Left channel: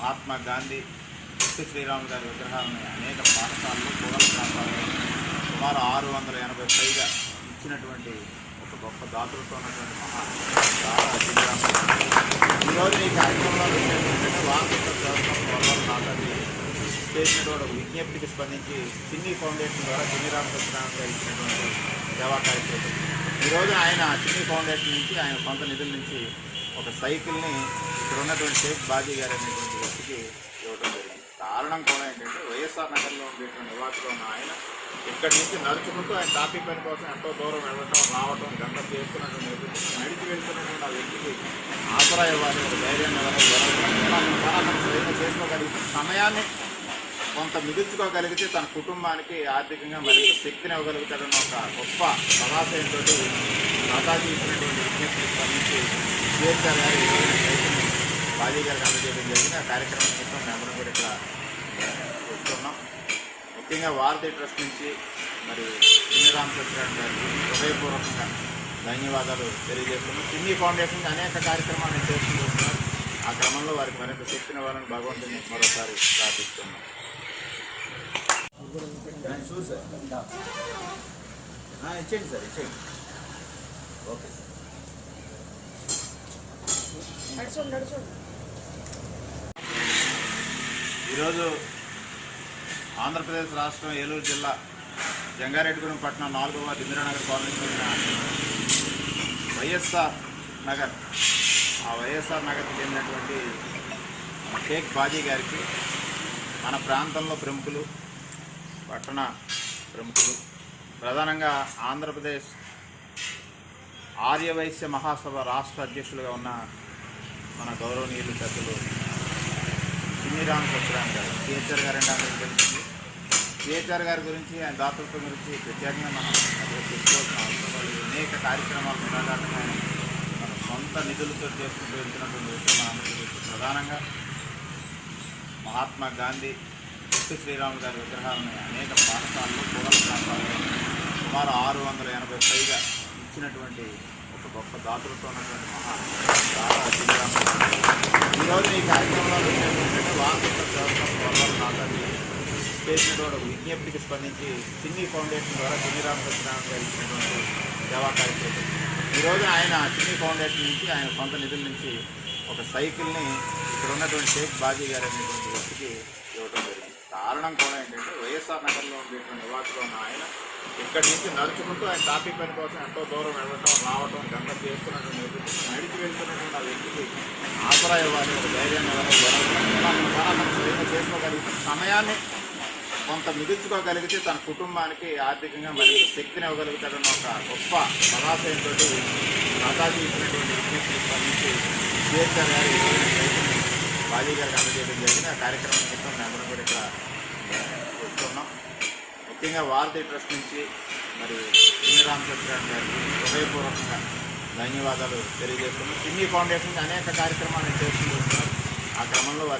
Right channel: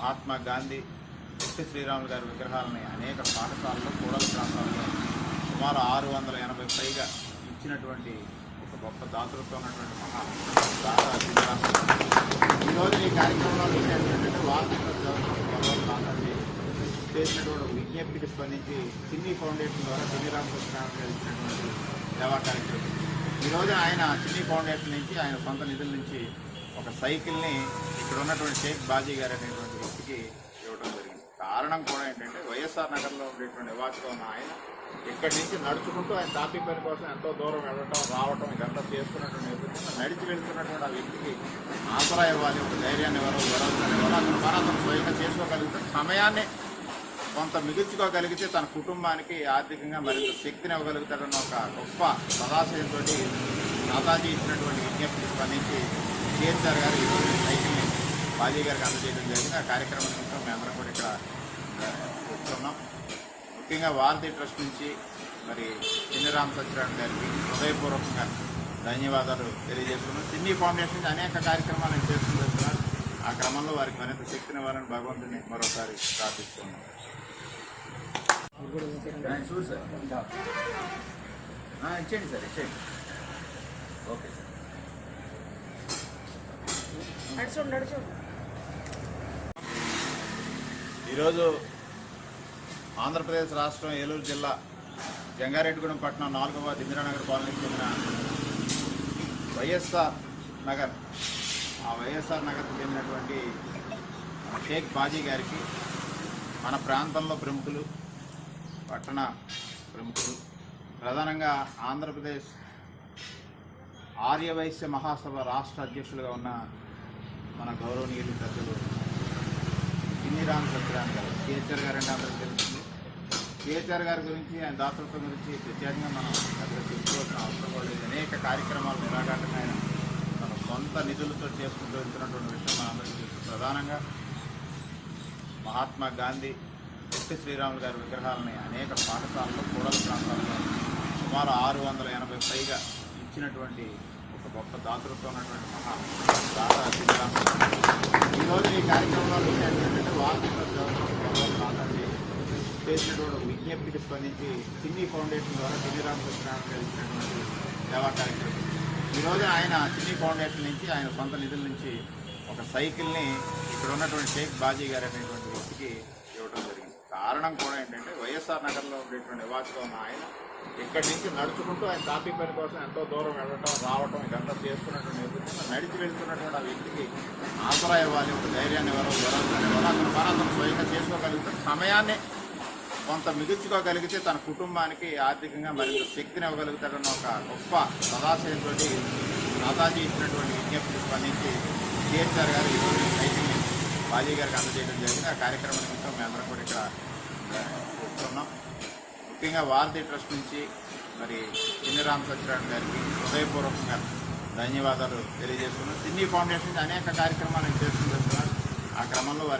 Mahatma Gandhi ST Sriramu గారి విగ్రహాలను అనేక పాఠశాలలో కూడల ప్రాంతాల్లో సుమారు ఆరు వందల ఎనభై పైగా ఇచ్చినటువంటి ఒక గొప్ప దాతృత్వం ఉన్నటువంటి మహా ఈరోజు ఈ కార్యక్రమంలో ఏంటంటే వార్షిక దేవస్థానం వల్ల చేసినటువంటి ఒక విజ్ఞప్తికి స్పందించి చిన్ని ఫౌండేషన్ ద్వారా చిన్ని రామకృష్ణరావు గారు ఇచ్చినటువంటి సేవా కార్యక్రమం. ఈరోజు ఆయన చిన్ని ఫౌండేషన్ నుంచి ఆయన సొంత నిధుల నుంచి ఒక సైకిల్ని ఇక్కడ ఉన్నటువంటి షేక్ బాజీ గారు అనేటువంటి వ్యక్తికి ఇవ్వడం జరిగింది. కారణం కూడా ఏంటంటే వైఎస్ఆర్ నగర్లో ఉండేటువంటి నివాసులో ఉన్న ఆయన ఇక్కడి నుంచి నడుచుకుంటూ ఆయన టాపిక్ పని కోసం ఎంతో దూరం వెళ్ళటం రావటం గంట చేసుకున్నటువంటి నేపథ్యంలో నడిచి వెళ్తున్నటువంటి ఆ వ్యక్తికి ఆసరా ఇవ్వాలి ధైర్యాన్ని ఇవ్వాలి ఎవరైనా కూడా అతను స్వయంగా చేసుకోగలిగితే సమయాన్ని కొంత మిగుల్చుకోగలిగితే తన కుటుంబానికి ఆర్థికంగా మరియు శక్తిని ఇవ్వగలుగుతాడన్న ఒక గొప్ప సదాశయంతో నాతాజీ ఇచ్చినటువంటి విజ్ఞప్తి స్పందించి సిఎస్ఆర్ గారు బాలీ రోజు సైకిల్ని జరిగింది ఆ కార్యక్రమం కోసం మేమందరం కూడా ఇక్కడ ఆ, ముఖ్యంగా వారధి ట్రస్ట్ నుంచి మరి చిన్ని రామచంద్రరావు గారికి హృదయపూర్వకంగా ధన్యవాదాలు తెలియజేస్తున్నాం చిన్ని ఫౌండేషన్ అనేక కార్యక్రమాలు చేస్తూ వస్తున్నారు ఆ క్రమంలో వారికి మరింత చెప్పిన వారిని భగవంతుని మరోసారి ప్రార్థిస్తున్నాం చూడు సార్ ఇచ్చేయండి సార్ ఇచ్చేయండి. ఓకే ఈరోజు ఆంధ్రప్రదేశ్ రాష్ట్రం ఏలూరు జిల్లా జంగారెడ్డిగూడెం పట్టణం నాలుగవ ఇందిరానగర్ కాలనీకి చెందిన వైఎస్ఆర్ నగర్ ఆ వైఎస్ఆర్ నగర్కి చెందినటువంటి షేక్ బాజీ గారికి మన ప్రాంతంలో ప్రముఖులు పట్టణ ప్రముఖులు ప్రధానంగా ఆంధ్రప్రదేశ్ ఆర్యవైశ్య మహాసభ రాష్ట్ర అధ్యక్షులుగా ఉన్న మన గౌరవనీయులు సభ్యులు చిన్నిరామ్ సత్యరామ్ గారు కేసీఆర్ గారు అంటే అందరికీ తెలిసింది కేసీఆర్ గారి గురించి ఆయన దాతృత్వం గురించి ప్రత్యేకంగా మనం అసలు తెలుసుకోవాల్సిన అవసరం లేదు. అనేక కార్యక్రమాలు నిరాఘాటంగా ఆయన మన సొంత నిధులతో చేసుకుంటూ వెళ్తున్నటువంటి విషయం మనందరికీ ప్రధానంగా మహాత్మా గాంధీ పుట్టి శ్రీరాములు గారి విగ్రహాలను అనేక పాఠశాలలో కూడల ప్రాంతాల్లో సుమారు ఆరు వందల ఎనభై పైగా ఇచ్చినటువంటి దాతృత్వం ఈరోజు ఈ కార్యక్రమంలో ఏంటంటే వార్షిక దేవస్థానం వల్ల చేసినటువంటి విజ్ఞప్తికి స్పందించి చిన్ని ఫౌండేషన్ ద్వారా చిన్ని రామకృష్ణరావు ఇచ్చినటువంటి సేవా కార్యక్రమం ఈరోజు ఆయన చిన్ని ఫౌండేషన్ నుంచి ఆయన కొంత నిధుల నుంచి ఒక సైకిల్ని ఇక్కడ ఉన్నటువంటి షేక్ బాజీ గారు అనేటువంటి వ్యక్తికి ఇవ్వడం జరిగింది కారణం కూడా ఏంటంటే వైఎస్ఆర్ నగర్లో ఉండేటువంటి నివాసులో ఉన్న ఆయన ఇక్కడి నుంచి నడుచుకుంటూ ఆయన టాపిక్ పని కోసం ఎంతో దూరం వెళ్ళటం రావటం గంట చేసుకున్నట్టు నేపథ్యంలో నడిచి వెళ్తున్నటువంటి ఆ వ్యక్తికి ఆసరాయ వారి ధైర్యాన్ని ఇవ్వాలి ఎవరైనా కూడా అతను స్వయంగా చేసుకోగలిగితే సమయాన్ని కొంత మిగుల్చుకోగలిగితే తన కుటుంబానికి ఆర్థికంగా మరియు శక్తిని ఇవ్వగలుగుతాడన్న ఒక గొప్ప సదాశయంతో నాతాజీ ఇచ్చినటువంటి విజ్ఞప్తి స్పందించి అంబేద్కర్ గారి ఖాళీగా రోజు అందజేయడం జరిగింది. ఆ కార్యక్రమం కోసం మేమందరం కూడా ఇక్కడ ముఖ్యంగా వారధి ట్రస్ట్ నుంచి మరి చిన్ని రామచంద్రరావు గారికి హృదయపూర్వకంగా ధన్యవాదాలు తెలియజేస్తున్నాం చిన్ని ఫౌండేషన్ అనేక కార్యక్రమాలు చేస్తున్నారు ఆ క్రమంలో వారికి